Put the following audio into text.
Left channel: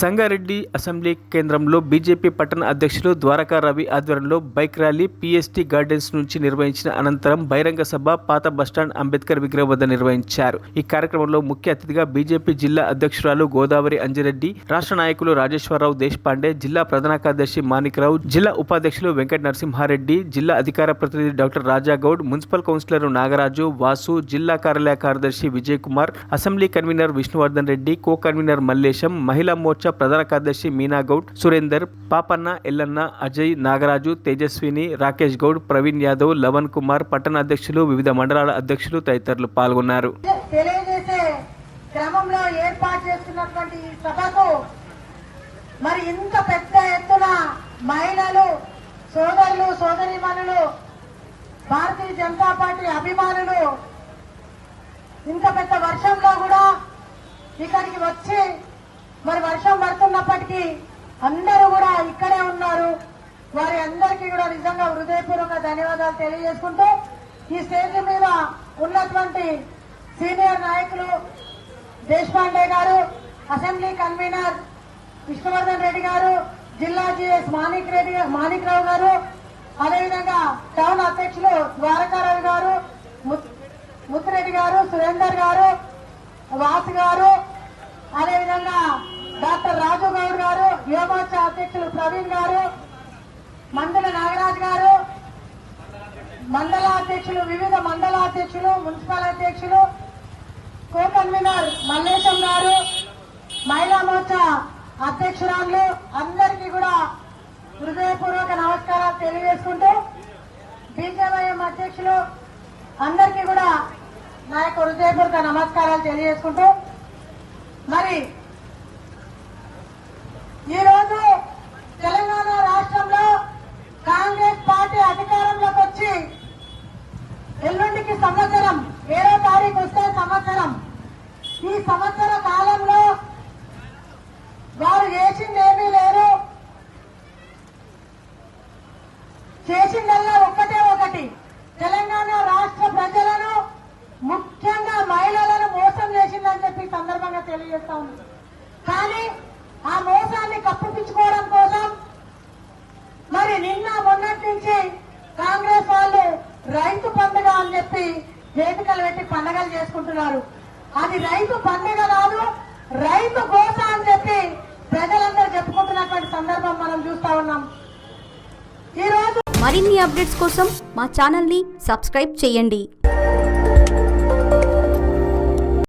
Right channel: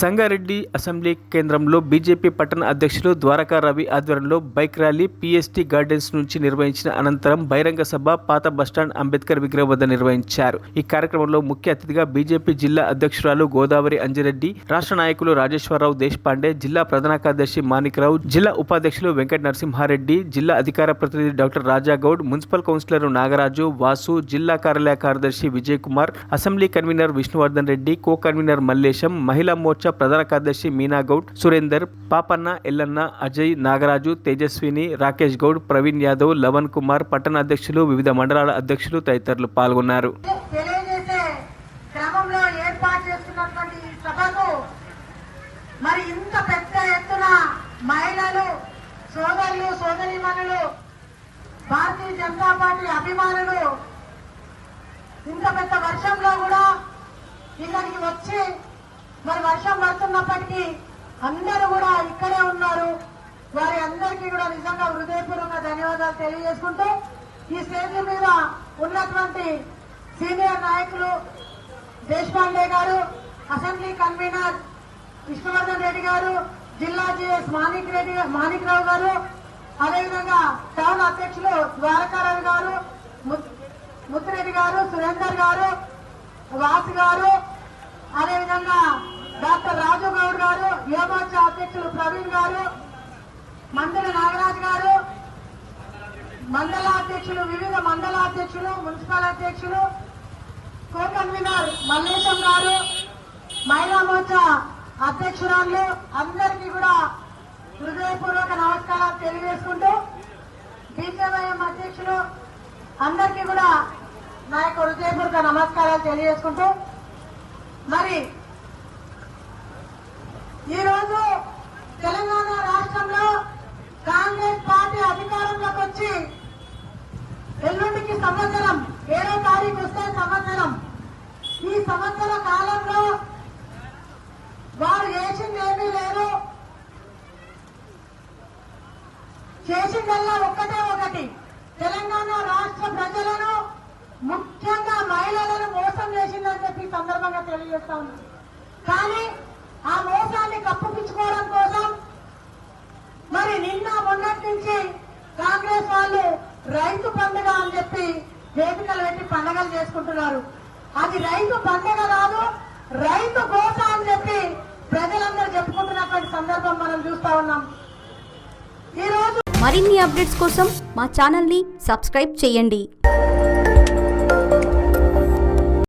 Sangareddy assembly కేంద్రంలో BJP పట్టణ అధ్యక్షులు ద్వారకా రవి ఆధ్వర్యంలో బైక్ ర్యాలీ పీఎస్టీ గార్డెన్స్ నుంచి నిర్వహించిన అనంతరం బహిరంగ సభ పాత బస్టాండ్ అంబేద్కర్ విగ్రహం వద్ద నిర్వహించారు. ఈ కార్యక్రమంలో ముఖ్య అతిథిగా బీజేపీ జిల్లా అధ్యక్షురాలు గోదావరి అంజిరెడ్డి, రాష్ట్ర నాయకులు రాజేశ్వరరావు దేశపాండే, జిల్లా ప్రధాన కార్యదర్శి మాణిక్రావు, జిల్లా ఉపాధ్యక్షులు వెంకట నరసింహారెడ్డి, జిల్లా అధికార ప్రతినిధి doctor Rajagoud, municipal councillor Nagaraju, Vasu, జిల్లా కార్యాలయ కార్యదర్శి Vijay Kumar, assembly convener Vishnuvardhan Reddy, co convener Mallesham, మహిళా మోర్చా ప్రధాన కార్యదర్శి మీనా గౌడ్, సురేందర్, పాపన్న, ఎల్లన్న, అజయ్, నాగరాజు, తేజస్విని, రాకేష్ గౌడ్, ప్రవీణ్ యాదవ్, లవన్ కుమార్, పట్టణ అధ్యక్షులు, వివిధ మండలాల అధ్యక్షులు తదితరులు పాల్గొన్నారు. మరి ఇంత పెద్ద ఎత్తున మహిళలు, సోదరులు, సోదరీమణులు, భారతీయ జనతా పార్టీ అభిమానులు ఇంత పెద్ద వర్షంలో కూడా ఇక్కడికి వచ్చి మరి వర్షం పడుతున్నప్పటికీ అందరూ కూడా ఇక్కడే ఉన్నారు. వారి అందరికీ కూడా నిజంగా హృదయపూర్వక ధన్యవాదాలు తెలియజేసుకుంటూ ఈ స్టేజ్ మీద ఉన్నటువంటి సీనియర్ నాయకులు దేశపాండే గారు, అసెంబ్లీ కన్వీనర్ విష్ణువర్ధన్ రెడ్డి గారు, జిల్లా జిఎస్ మాణిక్రావు గారు, అదేవిధంగా టౌన్ అధ్యక్షులు ద్వారకారావు గారు, ముత్తిరెడ్డి గారు, సురేందర్ గారు, వాసు గారు, అదేవిధంగా డాక్టర్ రాజు గౌడ్ గారు, యువమోర్చా అధ్యక్షులు ప్రవీణ్ గారు, మండల నాగరాజ్ గారు, మండల అధ్యక్షులు, వివిధ మండల అధ్యక్షులు, మున్సిపల్ అధ్యక్షులు, కో కన్వీనర్ మల్లేశం గారు, మహిళా మోర్చా అధ్యక్షురాలు అందరికీ కూడా హృదయపూర్వక నమస్కారాలు తెలియజేసుకుంటూ బీజేవైఎం అధ్యక్షులు అందరికీ కూడా నా యొక్క హృదయపూర్వక నమస్కారాలు తెలియజేసుకుంటూ మరి ఈరోజు తెలంగాణ రాష్ట్రంలో కాంగ్రెస్ పార్టీ అధికారంలోకి వచ్చి ఎల్లుండికి సంవత్సరం 7వ తారీఖు వస్తే సంవత్సరం. ఈ సంవత్సర కాలంలో వారు చేసింది ఏమీ లేదు. చేసిందల్లా ఒకటి తెలంగాణ రాష్ట్ర ప్రజలను, ముఖ్యంగా మహిళలను మోసం చేసిందని చెప్పి సందర్భంగా తెలియజేస్తా ఉంది. కానీ ఆ మోసాన్ని కప్పిపుచ్చుకోవడం కోసం మరి నిన్న మొన్నటి నుంచి కాంగ్రెస్ వాళ్ళు రైతు పండుగ అని చెప్పి వేదికలు పెట్టి పండుగలు చేసుకుంటున్నారు. అది రైతు పండుగ కాదు, రైతు గోస అని చెప్పి ప్రజలందరూ చెప్పుకుంటున్నటువంటి సందర్భం మనం చూస్తా ఉన్నాం. ఈ రోజు మరిన్ని అప్డేట్స్ కోసం మా ఛానల్ ని సబ్స్క్రైబ్ చేయండి.